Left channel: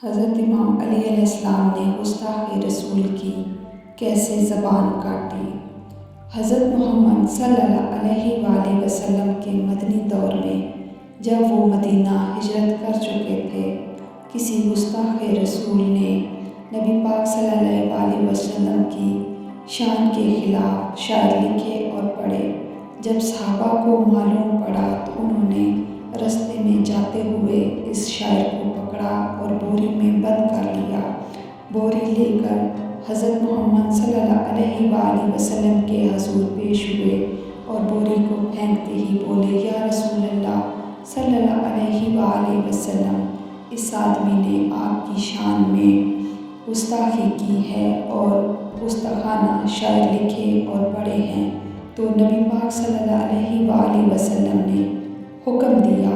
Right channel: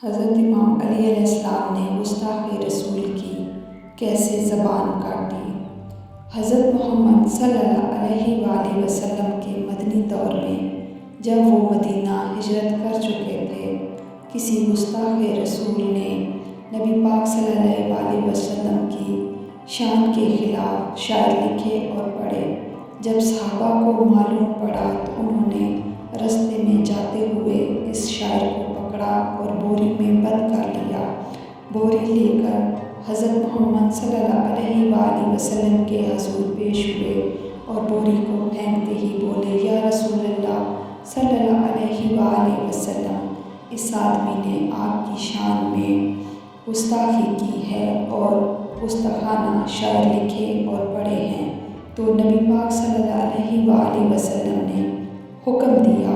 حضرت امام علی علیہ السلام نے گستاخ رسول کی کیسے زبان کاٹی۔ حضرت محمد صلی اللہ علیہ وآلہ وسلم کے مدنی دور میں جب وہ مدینہ ہجرت کر چکے تھے، کسی گستاخ رسول نے نبی پاک صلی اللہ علیہ وسلم کی شان کے خلاف شعر لکھے اور پڑھے۔ جب صحابہ کو معلوم پڑا تو انہوں نے رستے میں جاتے ہوئے اس شاعر کو پکڑا اور بوری میں بند کر لیا۔ بوری لے کر حضرت محمد صلی اللہ علیہ وآلہ وسلم کے حضور پیش ہوئے اور بوری کو پھینکتے ہی بولے، یا رسول اللہ صلی اللہ علیہ وآلہ وسلم، اس آدمی نے آپ کی شان میں گستاخی کی ہے اور گستاخانہ شعر لکھے اور پڑھے ہیں۔ تو نبی پاک صلی اللہ علیہ وآلہ وسلم نے حکم دیا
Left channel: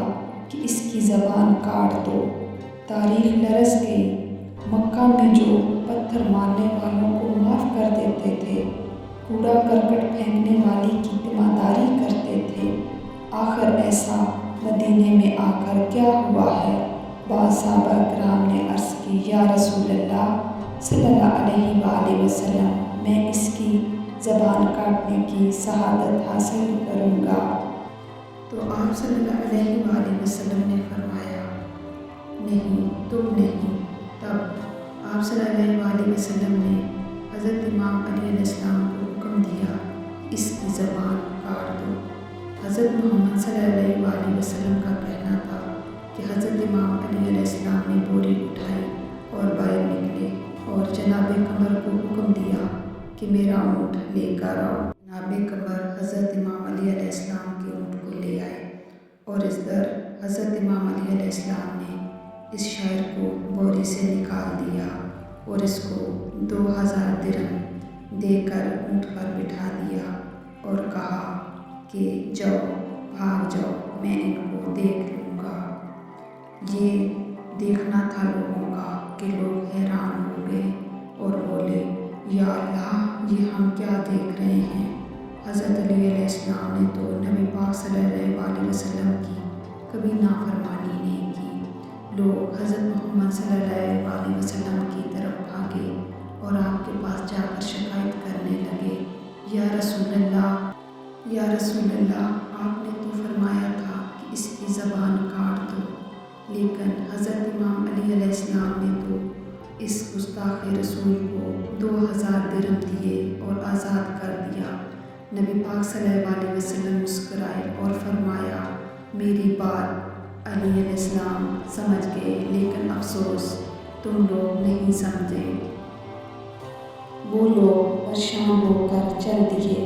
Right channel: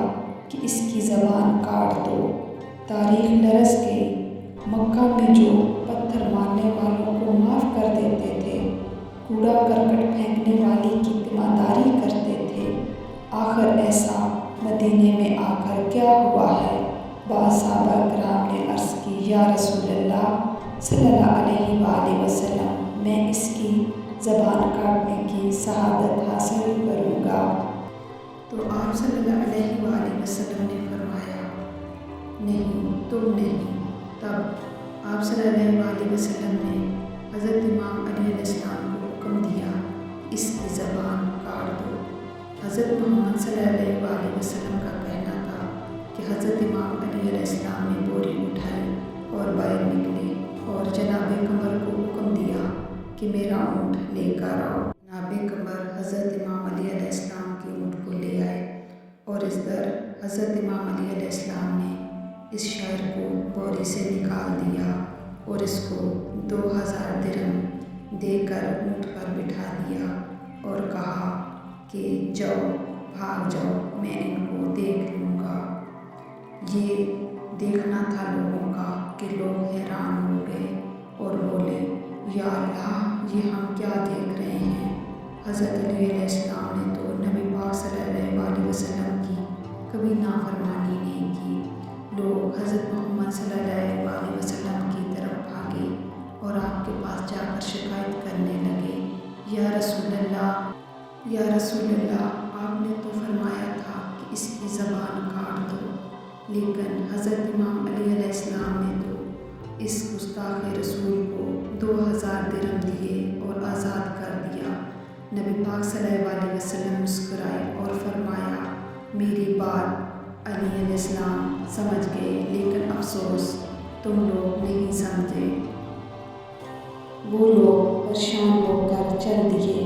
کہ اس کی زبان کاٹ دو۔ تاریخ لرز گئی۔ مکہ میں جو پتھر مارنے والوں کو معاف کر دیتے تھے، کوڑا کرکٹ پھینکنے والی کی تیمارداری کرتے تھے، آخر ایسا مدینے میں آ کر کیا ہوا ہے؟ بعض صحابہ کرام نے عرض کی، یا رسول اللہ صلی اللہ علیہ وآلہ وسلم، میں اس کی زبان کاٹنے کی شہادت حاصل کروں گا۔ تو آپ صلی اللہ علیہ وآلہ وسلم نے فرمایا، نہیں، تم نہیں۔ تب آپ صلی اللہ علیہ وسلم نے حضرت امام علی علیہ السلام کو حکم دیا کہ اس کی زبان کاٹ دو۔ حضرت محمد صلی اللہ علیہ وسلم کا کہنا تھا کہ حضرت امام علی علیہ السلام نے بوری اٹھائی اور باہر نکلے اور جناب قمر کو حکم دیا کہ میرا اونٹ لے کر آؤ۔ جناب قمر حضرت امام علی علیہ السلام کے اونٹ کو لے آئے اور اس در حضرت امام علی علیہ السلام نے اس شاعر کو بوری سے نکال دیا اور اس کو 2000 درہم دے کر اونٹ پر بٹھا دیا اور کہا کہ جاؤ، بھاگ جاؤ، میں ان کو دیکھ لوں گا۔ یہ دیکھنا تھا لوگوں کا کہ لوگ حیران ہو گئے اور بولے، یا اللہ، یہ ہم کیا دیکھ رہے ہیں؟ حضرت علی علیہ السلام نے تو نبی پاک صلی اللہ علیہ وسلم کی کبھی نافرمانی نہیں کی۔ لوگ حضرت محمد صلی اللہ علیہ وسلم کی طرف بھاگے اور آپ کے پاس جا کر شکایت کرنے لگے، یا رسول اللہ، یا رسول اللہ، آپ نے تو فرمایا تھا کہ اس کی زبان کاٹ دو، لیکن حضرت امام علی علیہ السلام نے تو اس گستاخ رسول کو 2000 درہم دیے اور آزاد کر دیا۔ نبی پاک صلی اللہ علیہ وسلم مسکرائے اور فرمایا، میری بات علی علیہ السلام سمجھ گئے، لیکن افسوس تم لوگ نہیں سمجھے۔ وہ لوگ پریشان ہو کر چل دیے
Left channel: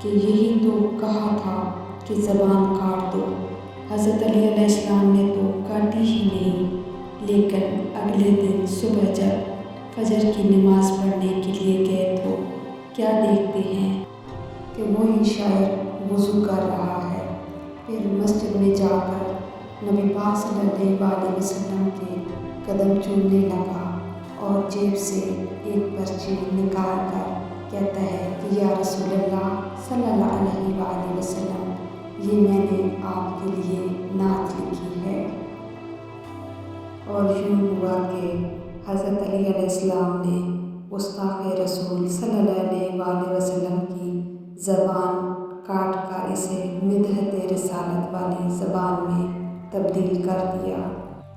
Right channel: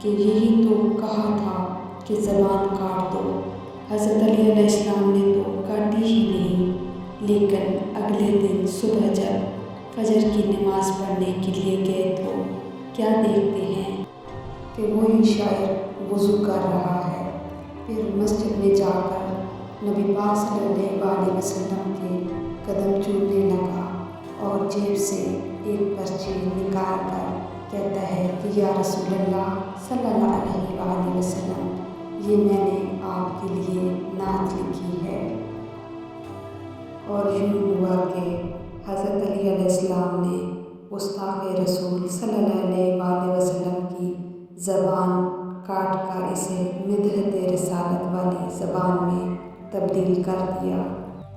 کہ یہی تو کہا تھا کہ زبان کاٹ دو۔ حضرت علی علیہ السلام نے تو کاٹی ہی نہیں، لیکن اگلے دن صبح جب فجر کی نماز پڑھنے کے لیے گئے تو کیا دیکھتے ہیں کہ وہی شاعر وضو کر رہا ہے۔ پھر مسجد میں جا کر نبی پاک صلی اللہ علیہ وسلم کے قدم چومنے لگا اور جیب سے ایک پرچی نکال کر کہتا ہے کہ یا رسول اللہ صلی اللہ علیہ وآلہ وسلم، یہ میں نے آپ کے لیے نعت لکھی ہے۔ اور یوں ہوا کہ حضرت علی علیہ السلام نے گستاخ رسول صلی اللہ علیہ وسلم کی زبان کاٹ کر اسے مدحت رسالت والی زبان میں تبدیل کر دیا۔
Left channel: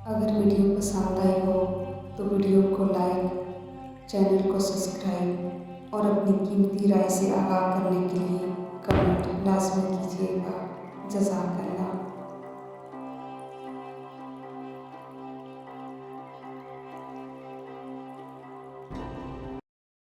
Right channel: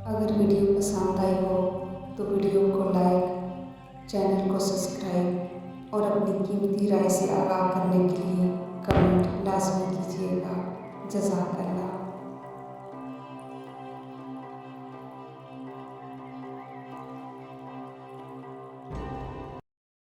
اگر ویڈیو پسند آئی ہو تو ویڈیو کو لائک، چینل کو سبسکرائب اور اپنی قیمتی رائے سے آگاہ کرنے کے لیے کمنٹ لازمی کیجیے گا۔ جزاک اللہ۔